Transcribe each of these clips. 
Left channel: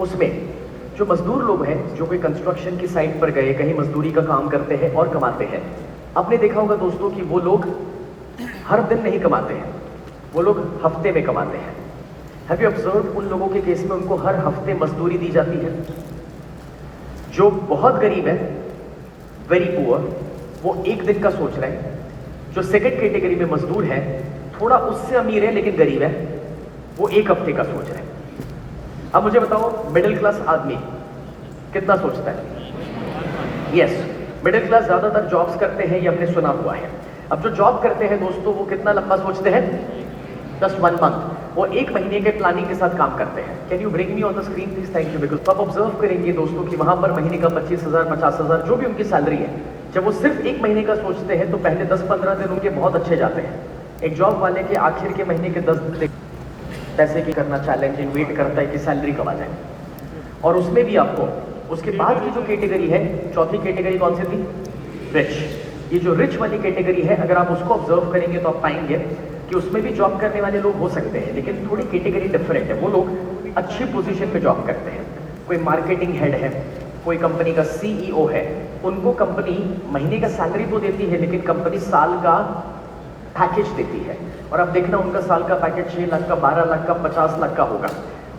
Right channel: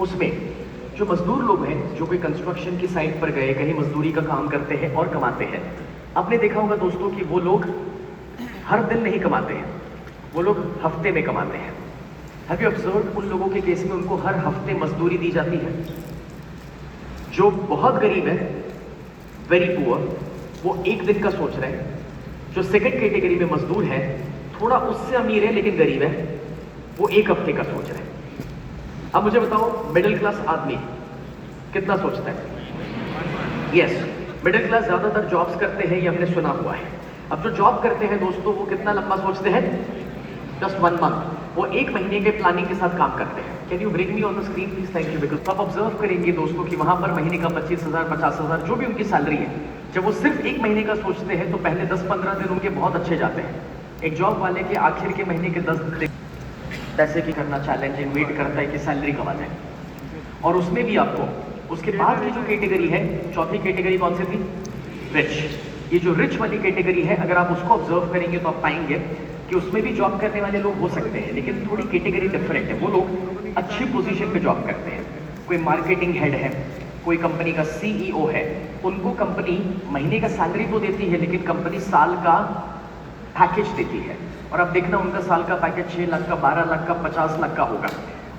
उसमें जो मजदूर लोग हैं, जो कोई कंस्ट्रक्शन की साइट पर गए, कहीं मजदूरी का काम करते हैं और कमाते हैं, आपने देखा होगा दोस्तों कि वो लोग हर दिन नहीं कमाते हैं, वो लोग हफ्ते में कमाते हैं। हैव यू ऑब्जर्व्ड उन लोगों के केस में उनको हर हफ्ते मजदूरी दी जाती है? जो बहुत गरीब है, वेरी पुअर, वो एक दिन का सोच रहे हैं। जो सेकंड कैटेगरी में मजदूर है, थोड़ा उससे अमीर है लेकिन गरीब है, वो एक हफ्ते का सोच रहे हैं। अब मुझे बताओ, मिडिल क्लास आदमी कितना सोचता है? यस, मिडिल क्लास ज्यादातर जॉब्स करते हैं, ये हमने सुना हुआ है। अब जो जॉब करते हैं दोस्तों, वो कितना लंबा सोचते हैं? जस्ट 1 मंथ, वो 1 महीने के प्लानिंग के साथ काम करते हैं। Can you bring me on the screen please? Thank you. Because आप ऑब्जर्व करेंगे दोस्तों कि वहां पर महीने का 25,000 50,000 जो भी उनकी सैलरी है, जब वो सिर्फ 1 महीने का सोचते हैं तो पहले 10-15 दिन उनके बहुत अच्छे जाते हैं। एक जॉब वाले के आखिर के महीने के 10 दिन पैसे की करना चैलेंजिंग, वेट करता है कि सैलरी कब आ जाए। और उसमें भी आपको उसके बाद की जो कैटेगरी है, चौथी कैटेगरी कौन सी थी? रिच। ये जो रिच वाली कैटेगरी है, अगर आप उसको ऑब्जर्व करेंगे तो आप पाएंगे कि उसमें भी जॉब करने वाले लोग हो सकते हैं, लेकिन थोड़ी कैटेगरी डिफरेंट है। वो लोग अच्छी पोजीशन पे जॉब करते हैं। कोई मार्केटिंग हेड है, कोई कंपनी का सीईओ है, उनको कंपनी महीने का सैलरी तो देती है, लेकिन कंपनी साल का पैकेज देती है। और अब देखना, उनका साल का पैकेज 6 लाख का, 12 लाख का, 50 लाख का होगा,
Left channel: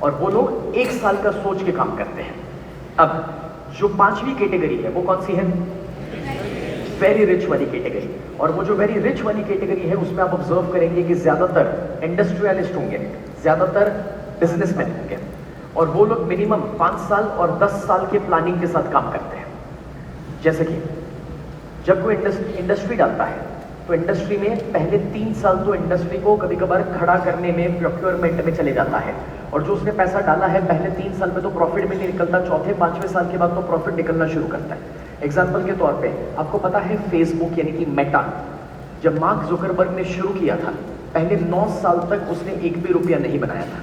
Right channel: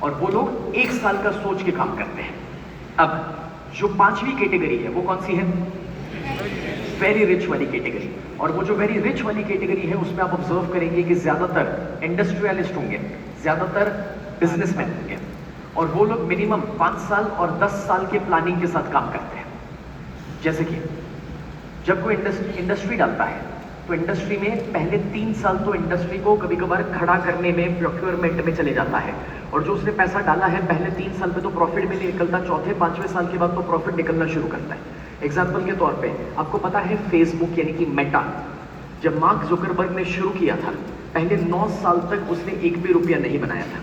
और वो लोग 1 साल का सोच के काम करते हैं। अब जो 5वीं कैटेगरी है, वो कौन सी है? वेरी रिच वाली कैटेगरी। और वो जो वेरी रिच वाली कैटेगरी है, उसमें आप ऑब्जर्व करेंगे कि ज्यादातर इंडस्ट्रियलिस्ट होंगे, ज्यादातर बिजनेसमैन होंगे, और वो लोग मिनिमम 5 साल और 10 साल के प्लानिंग के साथ काम करते हैं। जैसे कि जब कोई इंडस्ट्री डालता है, तो इंडस्ट्री में पहले 3 साल तो इंडस्ट्री को कभी कभार खड़ा करने में, प्रोक्योरमेंट में चले जाता है, और जो उसने पैसा डाला है पहले 3 साल में तो प्रॉफिट में नहीं निकलता, चौथे 5वें साल के बाद तो प्रॉफिट निकलना शुरू करता है। एग्जाम्पल के तौर पे आपको पता है, फेसबुक यानी कि मेटा, जब मार्क जुकरबर्ग ने शुरू किया था, पहले 9 साल तक उसने 1 भी रुपया नहीं बनाया था।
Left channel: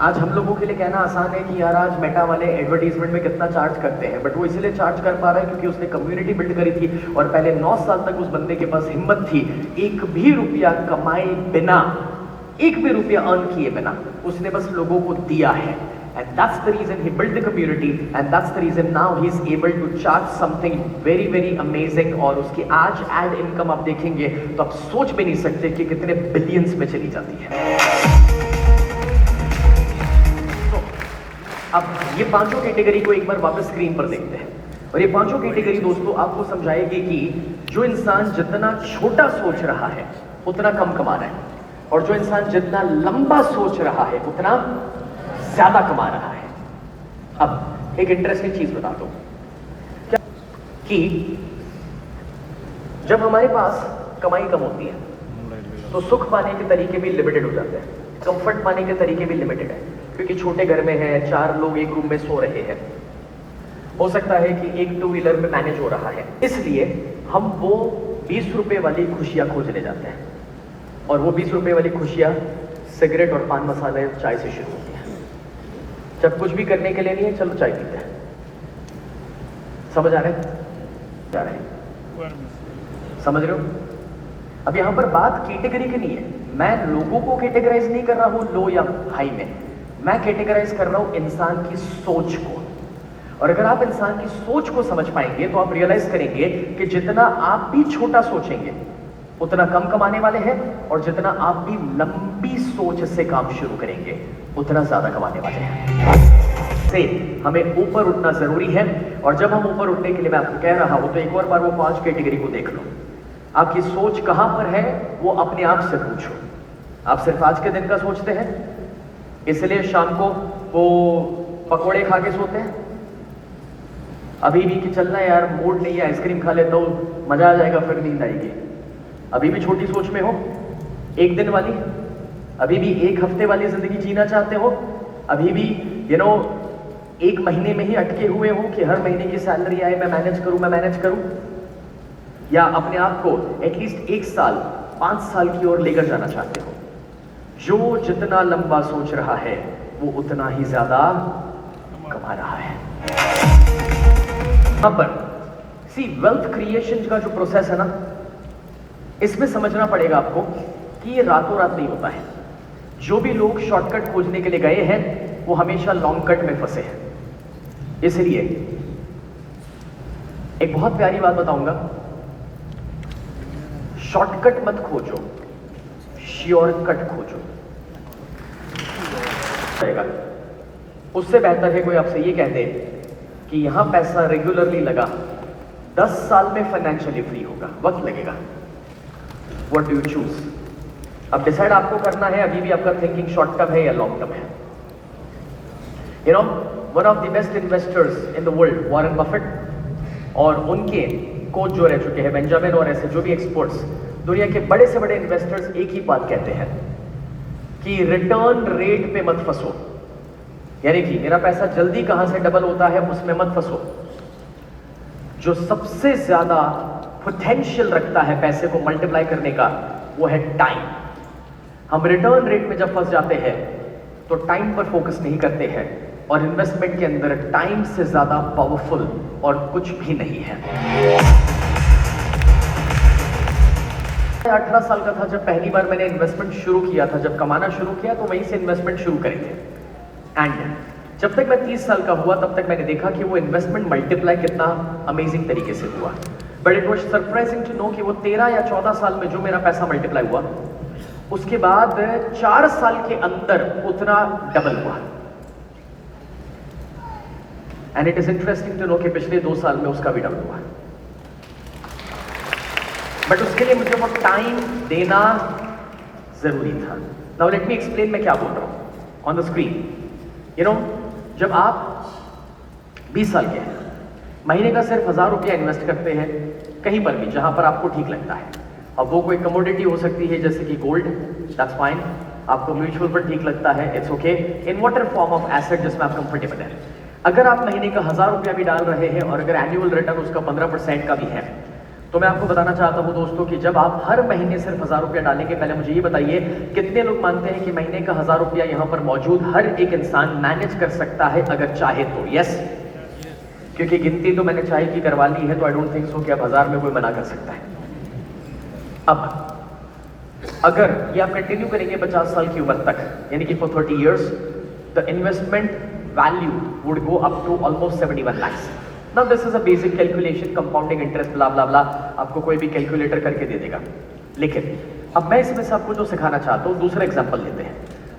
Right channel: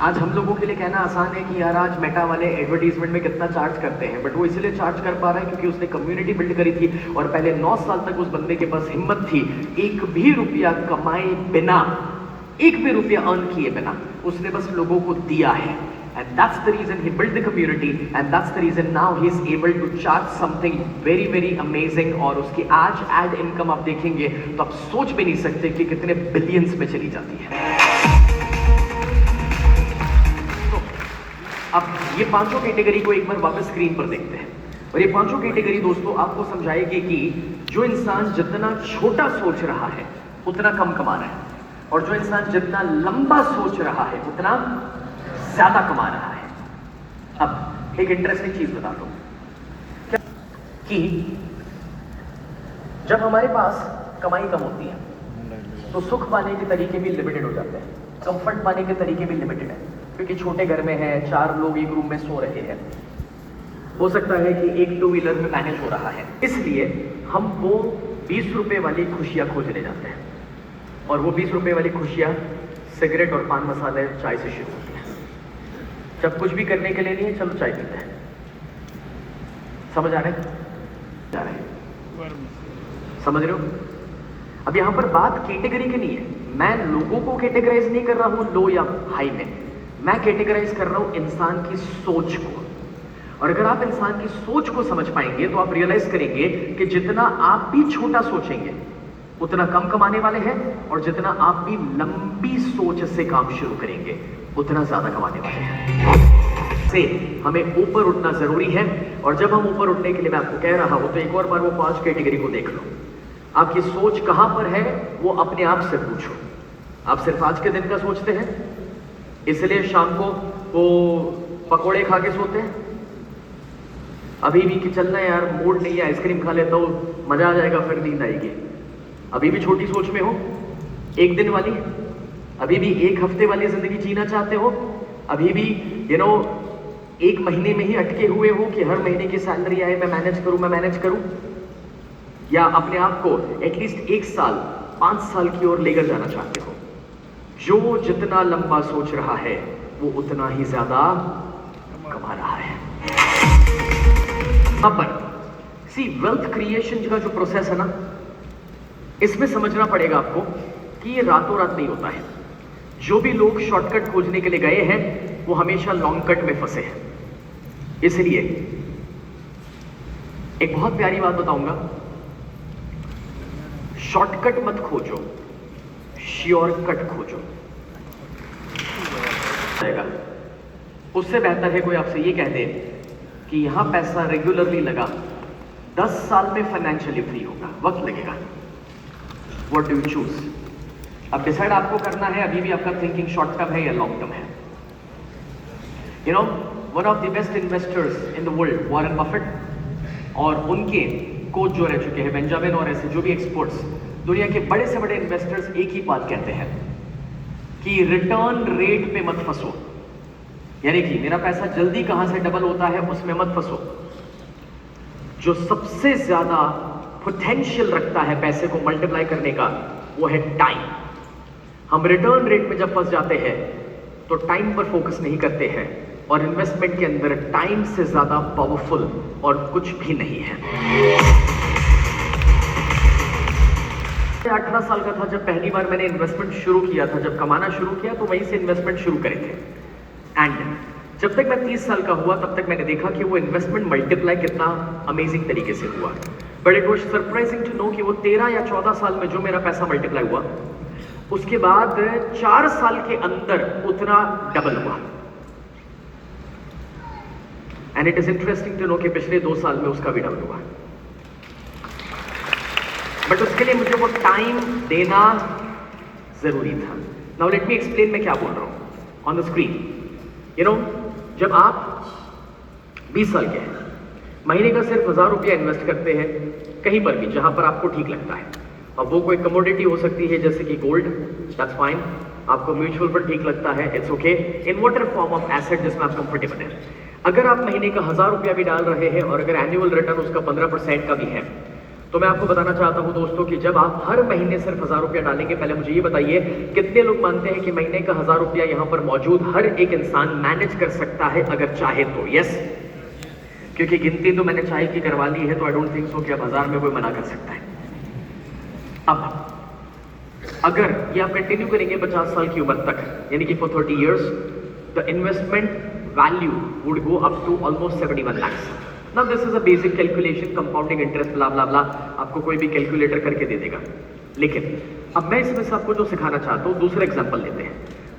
आज हम लोगों के लिए कहना आसान है कि यार आज मेटा वाले एडवर्टीजमेंट में कितना चार्ज करते हैं, बट वो इसलिए चार्ज कर पा रहा है क्योंकि उसने कम्युनिटी बिल्ड करी थी, और पहले 9 साल तक उस बंदे के पास हिम्मत थी 1 भी रुपया कमाए बिना, 1 भी रुपया अर्न किए बिना, उसने बस लोगों को दिया है। And that's the reason he built the community, and that's the reason now he is able to charge something very very amazing। और उसकी आज एड इनकम आप देखेंगे तो आप सोच भी नहीं सकते कि कितने बिलियंस में चली जाती है। तो अब ये पांचों कैटेगरी को एक बार वापस स्क्रीन पर देखते हैं, और ये पांचों कैटेगरी दोस्तों आपको समझाएगी कि जो इंसान जितना छोटा सोच रहा है उतना कम कमा रहा है, और जो इंसान जितना लंबा सोच रहा है उतना ज्यादा कमा रहा है। अब एक इंटरेस्टिंग चीज बताता हूं कि जब हमारे पास कमाई कम होती है तो सुख पाने के तरीके भी लिमिटेड हो जाते हैं, कंफर्ट पाने के तरीके भी लिमिटेड है, क्योंकि छोटे घर में है, 4 लोग एक रूम में सो रहे हैं, हो सकता है कि एक 2 व्हीलर में मैनेज हो रहा है, इसलिए हम वो 20 रुपए वाली खुशियां खोजने जाते हैं, और वो 20 रुपए वाली खुशियां सिगरेट और पान मसाले चाय से शुरू होती है। जब कुछ भी करने के लिए नहीं है, चलो चाय पीते हैं। समझ आ रहे हैं? जा रहे हैं? समझ रहे हो? अब यहां पर बात कैटेगरी की नहीं है, मैं लोगों को कैटेगराइज नहीं कर रहा हूं लो या हाई में, मैं कैटेगराइज कर रहा हूं इंसान की सोच को। और अगर आप इंसान की सोच को समझ पाएंगे तो आप रियलाइज करेंगे कि जितना आप भी छोटा सोचेंगे उतना कम कमाने वाले हैं, और जितना आप भी लंबी सोच से काम शुरू करेंगे उतना ज्यादा कमाने वाले हैं। से हमें ऊपर उठना जरूरी है, और जब हम ऊपर उठने के लिए मैं आपको कह रहा हूं तो एक और बार वो 5 कैटेगरी को देख लो। आपकी सोच कहां पर है वो अपने आप से पूछो। आप सिर्फ आज के दिन का सोचते हैं, इसलिए शाम को वो पकोड़े खा के सोते हैं, अभी भी कि चलना यार मूड नहीं है, आइसक्रीम खा लेता हूं, मजा आ जाएगा, फिर नींद आएगी। अभी भी छोटी सोच में हो, 1 दिन वाली, अभी भी 1 हफ्ते वाली जिंदगी जीना चाहते हो, अभी भी 1 महीने में ही अटके हुए हो कि हर महीने की सैलरी आए, मैं मैनेज करूं, या अपने आप को एटलीस्ट 1 साल 5 साल की ओर लेकर जाना चाहते हो। जो जितना लंबा सोच रहा है वो उतना ही ज्यादा कमा रहा है। यहां पर सी वेल्थ क्रिएशन का जो प्रोसेस है ना, इसमें समझना पड़ेगा आपको कि ये रातों रात नहीं होता है। जो भी लोग शॉर्टकट खोजने के लिए गए हैं, वो हमेशा लॉन्ग कट में फंसे हैं। इसलिए एक बहुत प्यारी बात बताऊंगा, शॉर्टकट मत खोजो, श्योर कट खोजो। उससे बेहतर है कोई आपसे ये कह दे कि यहां पैसा रेगुलरली लगा, 10 साल में फाइनेंशियली फ्री होगा, वक्त लगेगा। What do you choose? अब डिसाइड आपको करना है, अभी भी आपका थिंकिंग शॉर्ट टर्म है या लॉन्ग टर्म है। You know, one of the best investors in the world, Warren Buffett, और उनके कोच जो रह चुके हैं बेंजामिन और ऐसे जो भी एक्सपर्ट्स, दुनिया के बड़े से बड़े इन्वेस्टर्स एक ही बात कहते हैं कि रिटर्न रेट पे मत फंसो। यानी कि मेरा पैसा जल्दी कहां से डबल होता है उसमें मत फंसो। जो सबसे ज्यादा पोटेंशियल रखता है पैसे को मल्टीप्लाई करने का, वो है टाइम। हम रिटर्न रेट में जब फंस जाते हैं तो टाइम पर फोकस नहीं करते हैं, और इन्वेस्टमेंट के अंदर टाइम से ज्यादा पावरफुल और कुछ भी नहीं है। 18 साल का था जब पहली बार मैंने इन्वेस्टमेंट शुरू किया था, जब कमाना शुरू किया तो वहीं से इन्वेस्टमेंट शुरू करेंगे। एंड जब तक मैं 30 साल का हुआ तब तक मैंने देखा कि वो इन्वेस्टमेंट मल्टीप्लाई कितना अमेजिंग तरीके से हुआ। But it was surprising to know कि वो 13 या 14 साल में जो मेरा पैसा मल्टीप्लाई हुआ, उसके बाद 4 साल के अंदर उतना डबल हुआ। And it is interesting to know कि पिछले 2 साल में उसका भी डबल हुआ। बट उसके लिए मुझे वो टाइम देना जरूरी था। नाउ लेट मी एक्सप्लेन मैं क्या बोल रहा हूं on the screen. You know, जब आप 20 साल के हैं, महीने का सिर्फ 1000 रुपया इन्वेस्ट करते हैं कहीं पर भी जहां पर आपको ठीक लगता है। अब वो कोई कमोडिटी हो सकती है जैसे कि गोल्ड, दैट्स फाइन। आपको म्यूचुअल फंड ठीक लगता है, it's okay. In whatever form of asset जिसमें आप कंफर्टेबल हैं। अगर आप महीने का 1000 रुपया भी डाल रहे हैं और अगर एनुअल रिटर्न उसका 15% का भी है, तो मैं आपको बताना चाहता हूं दोस्तों कि जब आप हर महीने सिर्फ 1000 रुपया डालेंगे, पहले मुझे ये बताइए कितने लोग मानते हैं कि महीने का 1000 रुपया यहां पर मौजूद हर एक इंसान मैनेज कर सकता है अगर चाहे तो? यस, क्योंकि गिनती तो मैंने चाहे की करवा ली है, तो आई डोंट थिंक सो कि अब 1000 में कोई मना कर सकता है। अब अगर ये आप कंटिन्यू करेंगे 50 साल की उम्र तक, यानी कि for 30 years, the investment value would go up to almost 71 lakhs। Now this is a basic calculation, compounding interest blah blah blah, आपको कोई भी कैलकुलेटर करके दे देगा। लेकिन अब मैं इसमें से आपको जो सिखाना चाहता हूं, दूसरा एग्जांपल लेते हैं।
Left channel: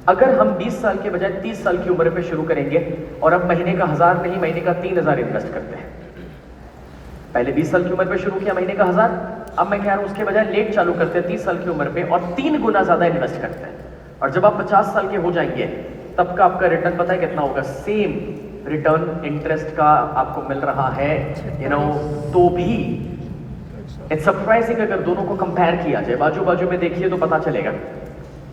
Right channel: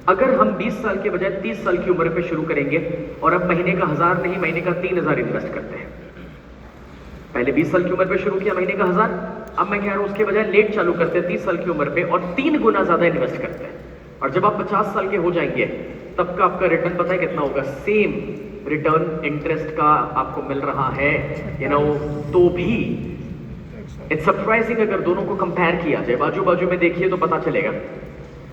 अगर हम 20 साल के बजाय 30 साल की उम्र पे शुरू करेंगे और अब महीने का 1000 नहीं, महीने का 3000 इन्वेस्ट करते हैं। पहले 20 साल की उम्र पे शुरू किया, महीने का 1000, अब मैं कह रहा हूं उसके बजाय लेट चालू करते हैं 30 साल की उम्र पे और 3 गुना ज्यादा इन्वेस्ट करते हैं। और जब आप 50 साल के हो जाएंगे तब का आपका रिटर्न पता है कितना होगा? सेम रिटर्न इंटरेस्ट का आपको मिल रहा है, यू नो। तो भी इट्स सरप्राइजिंग अगर दोनों को कंपेयर किया जाए, बाजू बाजू में देखिए तो पता चलेगा।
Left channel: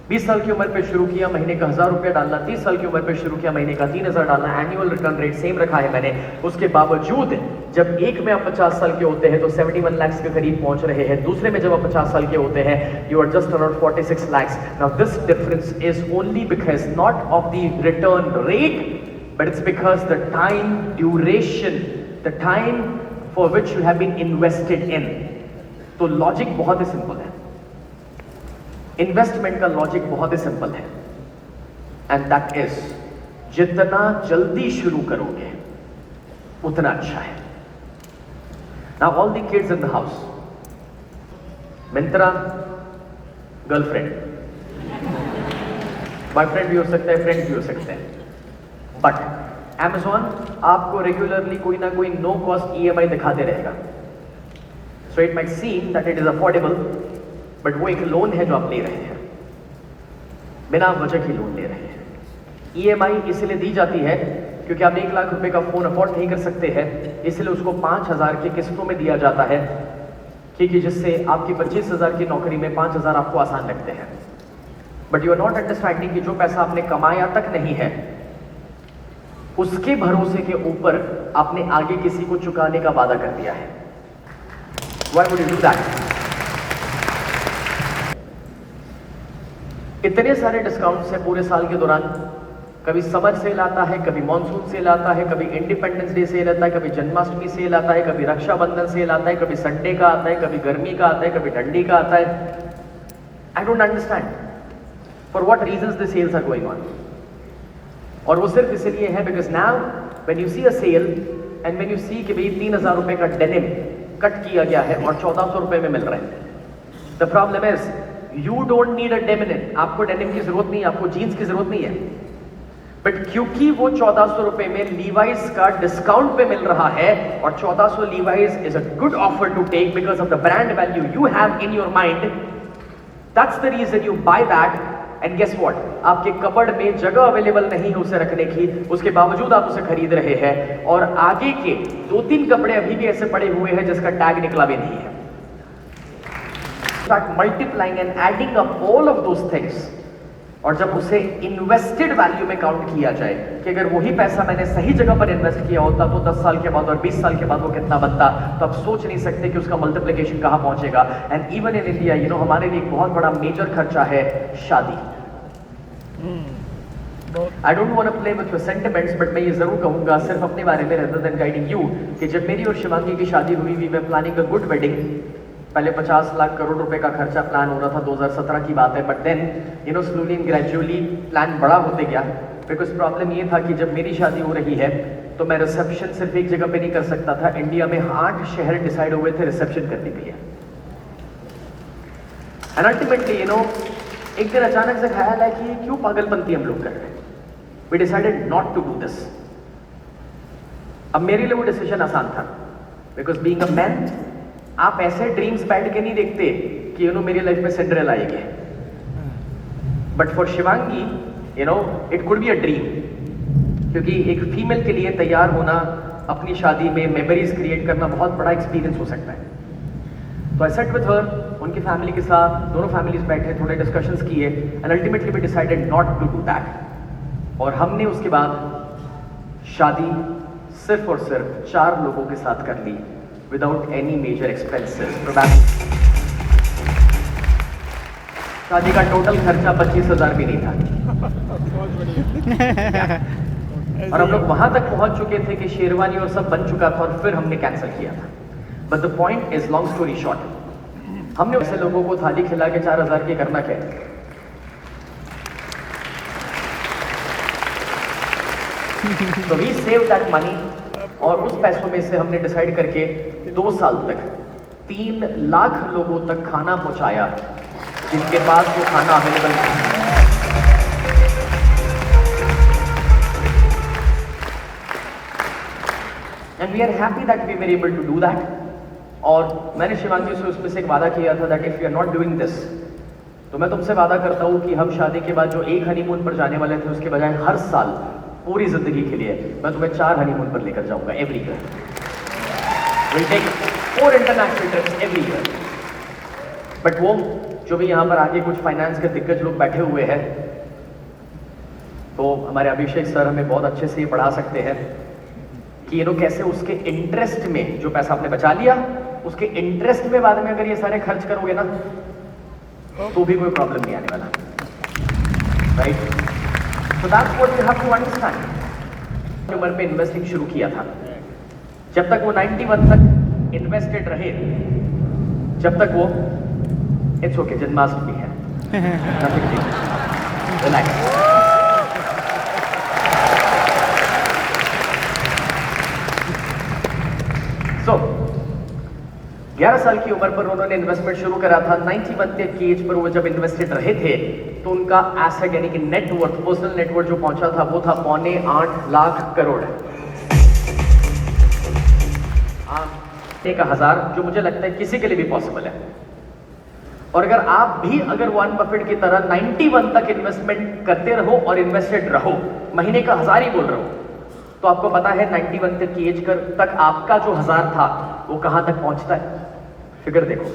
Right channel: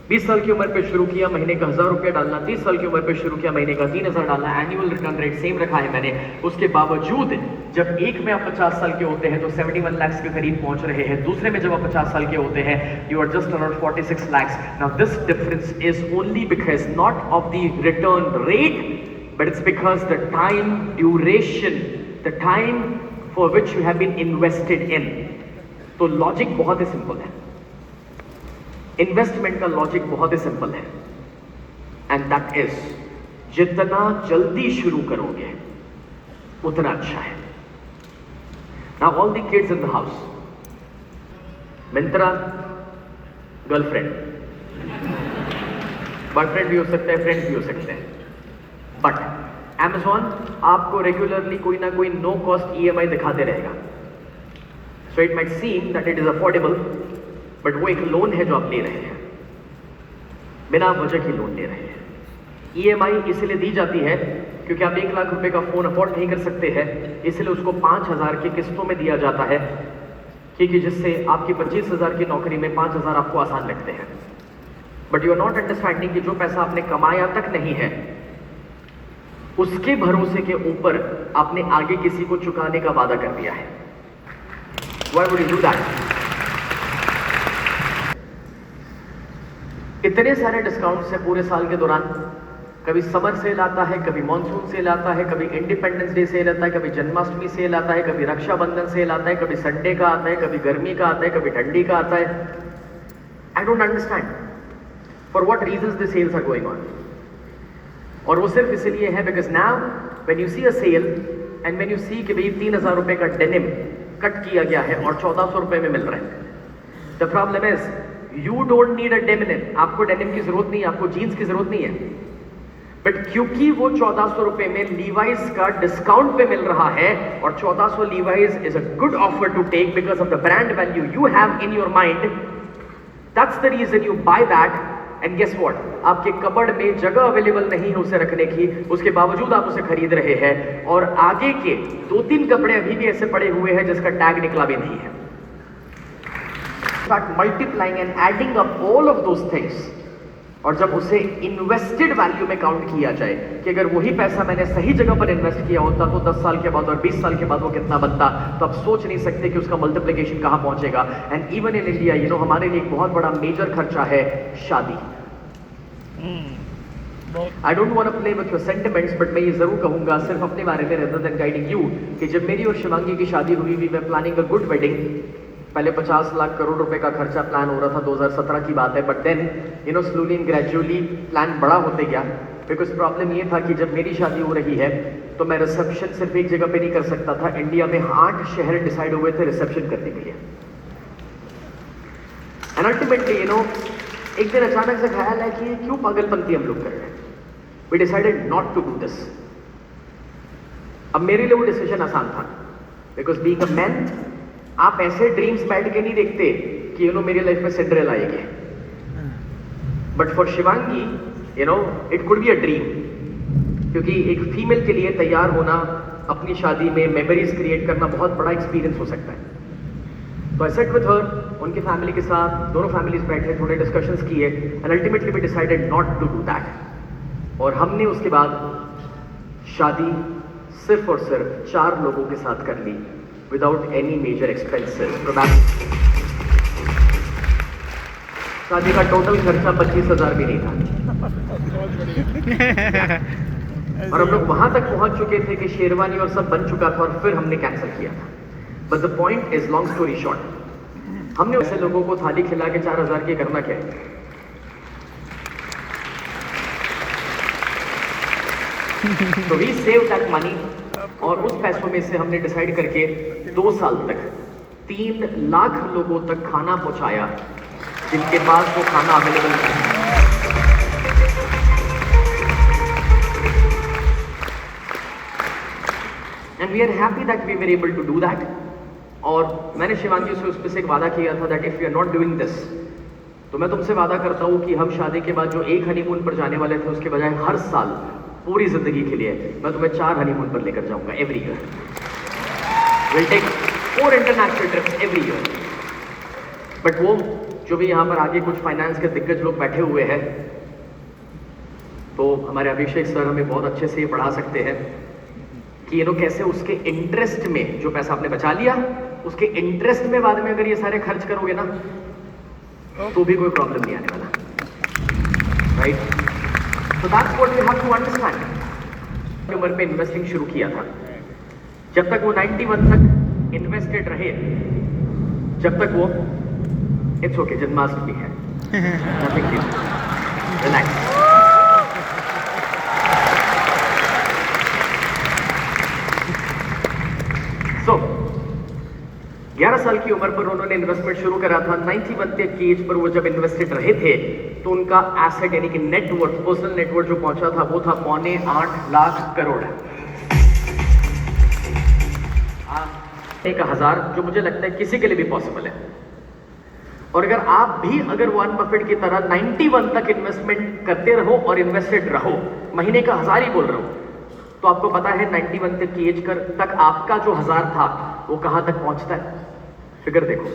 20 साल की उम्र पे शुरू किया, महीने का 1000 रुपया डालना, 30 साल की उम्र पे शुरू किया, महीने का 3000 डालना, एनुअल रिटर्न रेट सेम रखा है मैंने। उसके बावजूद जब एक में आप 50 साल के होते हैं तो 71 lakhs के करीब पहुंच रहे हैं, दूसरे में जब आप 50 साल के होते हैं you are just around 46 lakhs। Now this difference is only because not of the return rate, but it's because the time duration, the time for which you have been invested in। तो logic बहुत ही simple है, investment का logic बहुत ही simple है, and that is जितना जल्दी शुरू करोगे उतना अच्छा है। Now all the kids in the house, Myntra girlfriend, boyfriend भी हो सकता है, फ्रेंड भी हो सकते हैं, बट Amazon आपको रेगुलरली कोई ना कोई नो कॉस्ट EMI दिखाते रहेगा। So it might seem that it is affordable, but वो एक लोन है जो आप ले रहे हैं, बिना वजह की लोन ले रहे हैं। EMI इसलिए दी जाती है क्योंकि आप 1 लाख रुपए का फोन अफोर्ड नहीं कर सकते हैं, इसलिए उसको 5000 की किस्तों में दिया जाता है, क्योंकि जिससे आपकी 25,000 की नौकरी में 5000 आपको आसान लगते हैं। But you are not understanding कि जो पैसा आपने कमाया तक नहीं है, उसके भरोसे के ऊपर आपने आगे किसी को चुकाने का वादा कर दिया है। Why would you do that? इतने सारे डिस्काउंट्स हैं पूरे साल के दौरान, कभी समर सेल आता है, कभी मॉनसून सेल आता है, कभी इंडिपेंडेंस डे सेल आता है, कभी जन्माष्टमी सेल आता है, कभी रक्षाबंधन सेल आता है, कभी संडे का आता है, कभी गर्मी का आता है, कभी ठंडी का आता है। I don't understand for what reasons the sales are going on. और वो सिर्फ इसलिए है because now when you see a sale and when you see कि भाई 3,000 रुपए का डेनिम कट किया गया है और 1400 रुपए में मिल रहा है, the problem is you don't need a denim, आपको डेनिम की जरूरत नहीं है, आपको जीन्स की जरूरत नहीं है, बट क्योंकि वो 1400 रुपए में लीवाइस का डिस्काउंट पे मिल रहा है और 1400 Levi's is a good offer to take because of the brand value you have in your mind, that's the reason you buy that. And guess what, आपके कबर्ड में जगह अवेलेबल नहीं है उसे रखने की, उसके बावजूद आप उसे खरीद रहे हैं और आगे के 2-3 कपड़े अभी भी ऐसे पड़े हुए हैं जिसका टैग निकला भी नहीं है। Start multiplying and adding up all of those things, और जब उसे इन्वेस्टेड वैल्यू में काउंट किया जाए कि अगर वही पैसा मैंने सही जगह पर इन्वेस्ट किया होता तो 10 साल के बाद और 20 साल के बाद वो कितना बनता, तो आप सोच नहीं सकते कि उसका मल्टीप्लिकेशन कहां पहुंचेगा। And even in India you know हमारे लिए एक बहुत बड़ा मेजर खर्चा है शादी। I don't want to play with your sentiments, but मैं ये जरूर कहूंगा सिर्फ अपने बारे में रेदर देन गाइडिंग यू कि जब मेरी और शिवांगी की शादी हुई, we were planning a good wedding. पहले 50 लाख करोड़ रुपए का खर्चा प्लान हो रहा था, 2017 की बात है, but then you know slowly and gradually plan बड़ा होते गया। बिकॉज प्रॉब्लम ये था कि जब मेरी शादी हो रही है तो मैं रिसेप्शन सिर्फ एक जगह पे नहीं कर सकता था, इंडिया में 8 शहर डिसाइड हुए थे रिसेप्शन करने के लिए। एंड अल्टीमेटली यू नो एक दिन अचानक से ख्याल है कि क्यों पागलपंती हम लोग कर रहे हैं, we decided not to do this. अब मेरे लिए वो डिसीजन आसान था बिकॉज बीइंग अ मैन आप ऐसे ड्रीम्स बैठ के नहीं देखते कि यू नो मेरी लाइफ में सिंड्रेला आएगी, but for Shivangi you know it could be a dream, क्योंकि एक फीमेल के लिए तैयार होना, अपनी शादी में मेमोरीज क्रिएट करना बहुत बड़ा एक्सपीरियंस हो सकता है। तो आई सेट विद हर, उनकी फैमिली के साथ दोनों फैमिलीज बैठे, थोड़े डिस्कशंस किए and ultimately we decided not to do that. और हमने उसके बाद शादी सिर्फ और सिर्फ 4 लोगों के साथ कर ली विदाउट एनी मेजर एक्सपेंसेस। शादी का टोटल खर्चा 25,000 भी नहीं था। और हम लोग वहां तक पहुंच चुके थे कि शेरवानी और सब बन चुका था और फिर हमने कैंसिल किया था। But the point is, long story short, हमने ऐसे लोगों को थाली खिला के 4,000 की करना क्या है। So we saved that money, और उस पैसों में से हमने डिसाइड करके 2 साल तक 3 लाख लोगों तक खाना पहुंचाया जिनके पास वो खाना अवेलेबल नहीं। And we are happy that we were able to do that. और मैंने शिवांगी से उसमें से एक वादा किया था that if you are not doing this, तो मैं तुमसे वादा करता हूं कि हम शादी के बाद जो एक हनीमून पर जाने वाले थे उसके बजाय हर साल पूरी जिंदगी के लिए मैं तुम्हें 4 हनीमून पर लेकर जाऊंगा every year. Will take 4 international trips every year. But वो जो भी यहाँ पर आगे कुछ फाइनेंस के दिग्गज लोग बैठे हुए हैं, तो हमारे अभिषेक सर हमें बहुत अच्छे से पढ़ा सकते हैं कि ये लोग कैसे उसके इंटरेस्ट में जो पैसा आपने बचा लिया उसके इंटरेस्ट में बाद में अगर ये सारे खर्च करोगे ना तो भी कोई प्रॉब्लम नहीं आने वाला, right. So that's what you have to understand। उम्र पे इन्वेस्टिंग शुरू किया था, जब तक वो 91 तक इन्वेस्टेड रहे, जब तक वो इट्स ओके, जन्माष्टमी है, रिलैक्स। सो 11 साल की उम्र पर उन्होंने इन्वेस्टमेंट शुरू करा था। 91 की एज पर वो जब इन्वेस्टेड रहे थे तो उनका एसेट यानी कि नेटवर्थ, पर्सनल नेटवर्थ जो पहुंचा था वो था 8.25 लाख करोड़। एक हजार, जो मुझे लगता है किसी के लिए भी पॉसिबल है। और अगर आप भी अगर वॉरेन बफेट की तरह 91 तक इन्वेस्टमेंट करते रहो और इन्वेस्टेड रहो, महीने का 1000 ही बोल रहे हो, तो आपको पता है 91 तक की एज तक आपका जो 1000 था वो कहां तक पहुंचता है। फिगर देखो,